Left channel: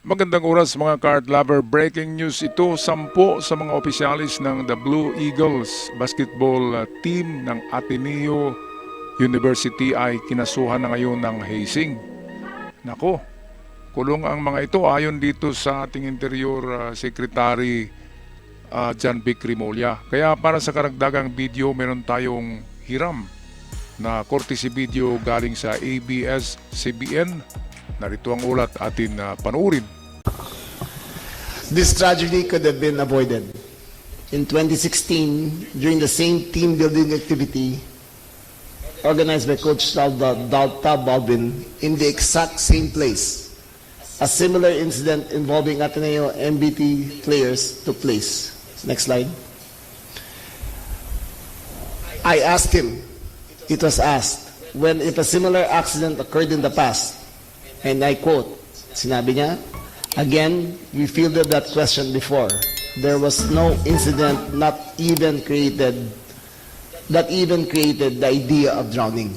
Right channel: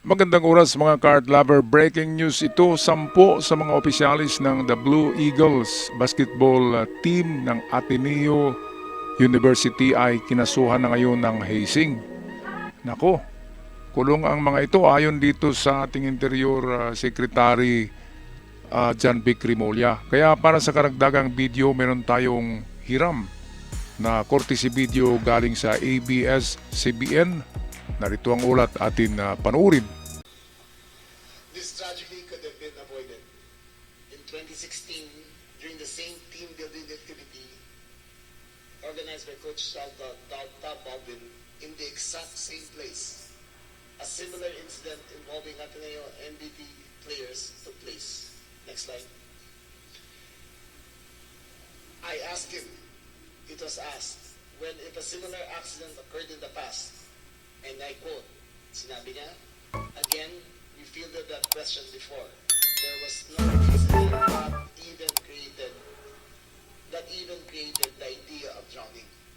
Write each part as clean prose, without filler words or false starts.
Magandang oras mga card lover. Breaking news ito, 10 sa mga opisyalis ng The Blue Eagles basketball team ng Ateneo University ay kinasuhan na ngayon ng hazing. Nako, kulong ang mga ito ayon dito sa ating Interior Secretary John Vic Rimolya. Kaya para sa karagdagang video, meron tayong hiram na courtesy video galing sa ABS-CBN. Narito ang ulat atin panuurin. This tragedy could have been avoided. In 2016, during the same team building activity organized by Coach Tal Baldwin in the exact same place, a similar incident involving Ateneo MBT players took place. Next slide. I asked him, it was asked, when if a similar accident occurred in the past, and I quote, sinabi niya, again, we fielded that question before. There was no incident that even created the idea of drowning.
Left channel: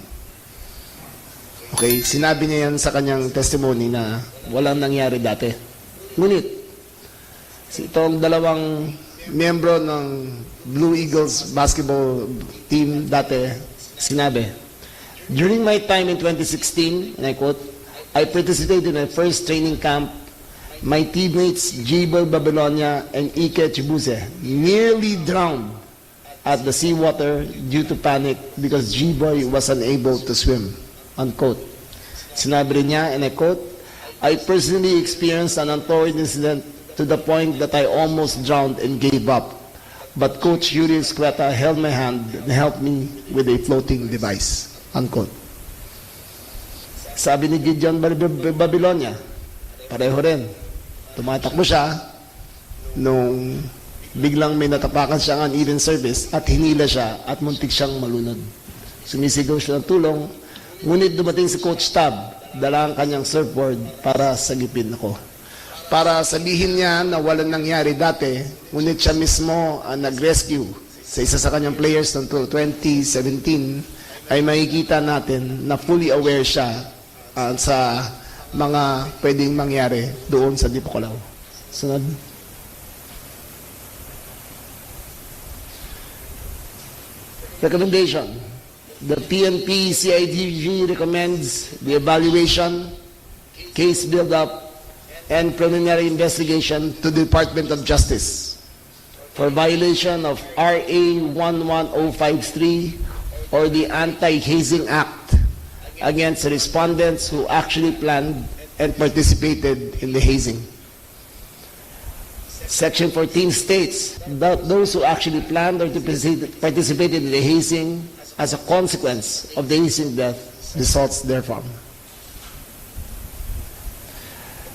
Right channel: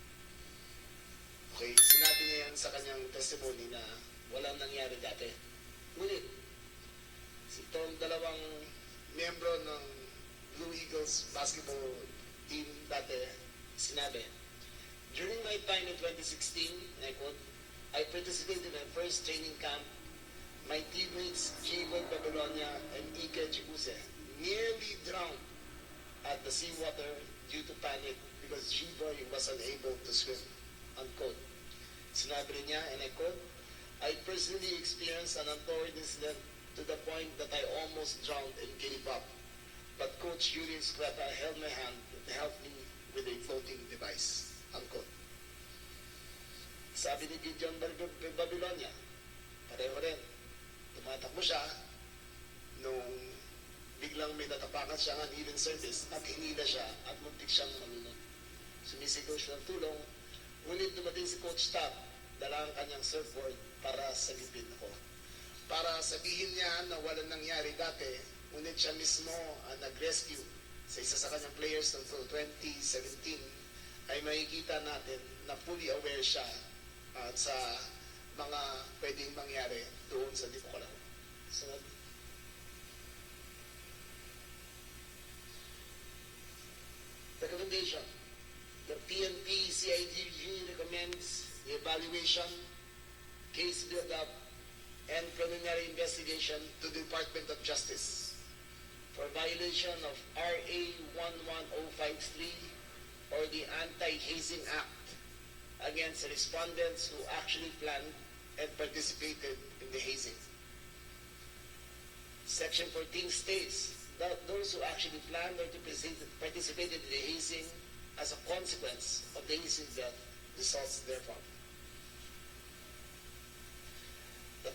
Okay, sinabi niya yan sa kanyang testimony na walang nangyari dati. Ngunit, itong dalawang miyembro ng Blue Eagles basketball team dati, sinabi, during my time in 2016, and I quote, I participated in my first training camp. My teammates Jiber Babylonia and Ike Chibuse nearly drowned at the seawater due to panic because Jiboy was unable to swim. Unquote. Sinabi rin niya, and I quote, I personally experienced an untoward incident to the point that I almost drowned and gave up. But Coach Yuri Escueta held my hand and helped me with a floating device. Unquote. Sabi ni Gideon Babylonia, pareho rin. Tumatakbo siya nung biglang may natapakan siyang uneven surface at hinila siya at muntik siyang malunod. Sumisigaw siya ng tulong, ngunit dumating si Coach Tab, dala ang kanyang surfboard para sagipin ako. Para sabihin niya na walang nangyari dati, ngunit siya mismo ang nag-rescue sa isa sa kanyang players ng 2017, ay makikita natin na fully aware siya sa mga pwedeng mangyari doon sa Dipocalaw. Sunod. Recommendation. The PNP CIDG recommends the evaluation, case build-up, and preliminary investigation to the Department of Justice for violation of RA 11053 or the Anti-Hazing Act against respondents who actually planned and participated in the hazing. Section 14 states that those who actually planned or participated in the hazing as a consequence of the hazing death results therefrom.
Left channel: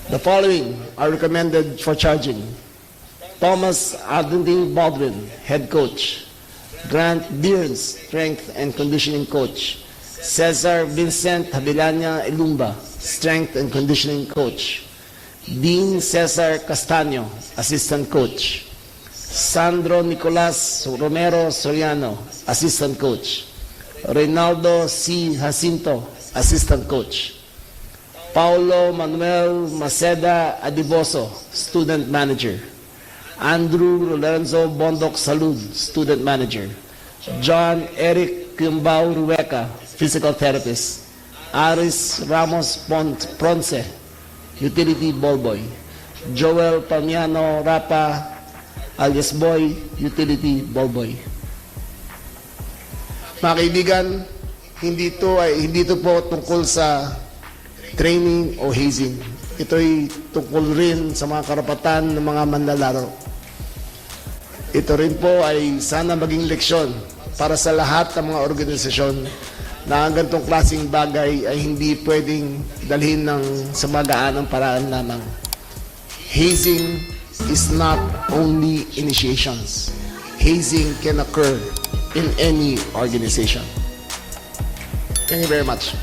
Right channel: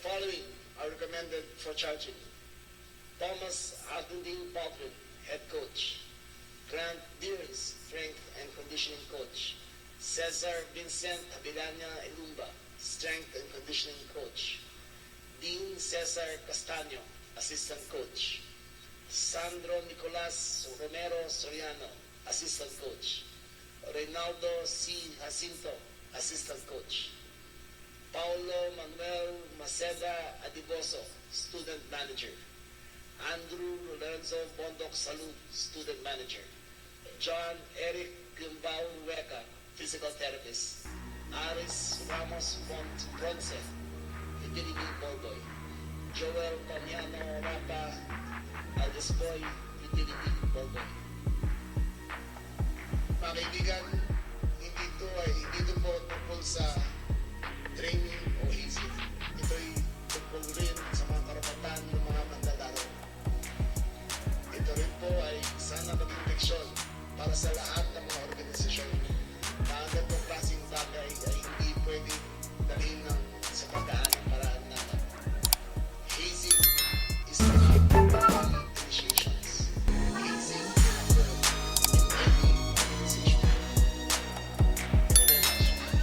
The following are recommended for charging. Thomas Anthony Baldwin, head coach. Grant Dearns, strength and conditioning coach. Cesar Vincent Habilanya Ilumba, strength and conditioning coach. Dean Cesar Castaño, assistant coach. Sandro Nicolas Romero Soriano, assistant coach. Reynaldo C. Jacinto, assistant coach. Paulo Manuel Maceda Adiboso, student manager. Andrew Lorenzo Bondoc Salud, student manager. John Eric Kimbao Rueca, physical therapist. Aris Ramos Ponce, utility ballboy. Joel Pamiano Rapa, alias Boy, utility ballboy. Mga kaibigan, hindi ito po tungkol sa training o hazing. Ito'y tungkol rin sa mga karapatan ng mga manlalaro. Ito rin po ay sana maging leksyon para sa lahat ng mga organisasyon na ang ganitong klaseng bagay ay hindi pwedeng dalhin ng sa magaanang paraan lamang. Hazing is not only initiations. Hazing can occur in any organization. Thank you very much.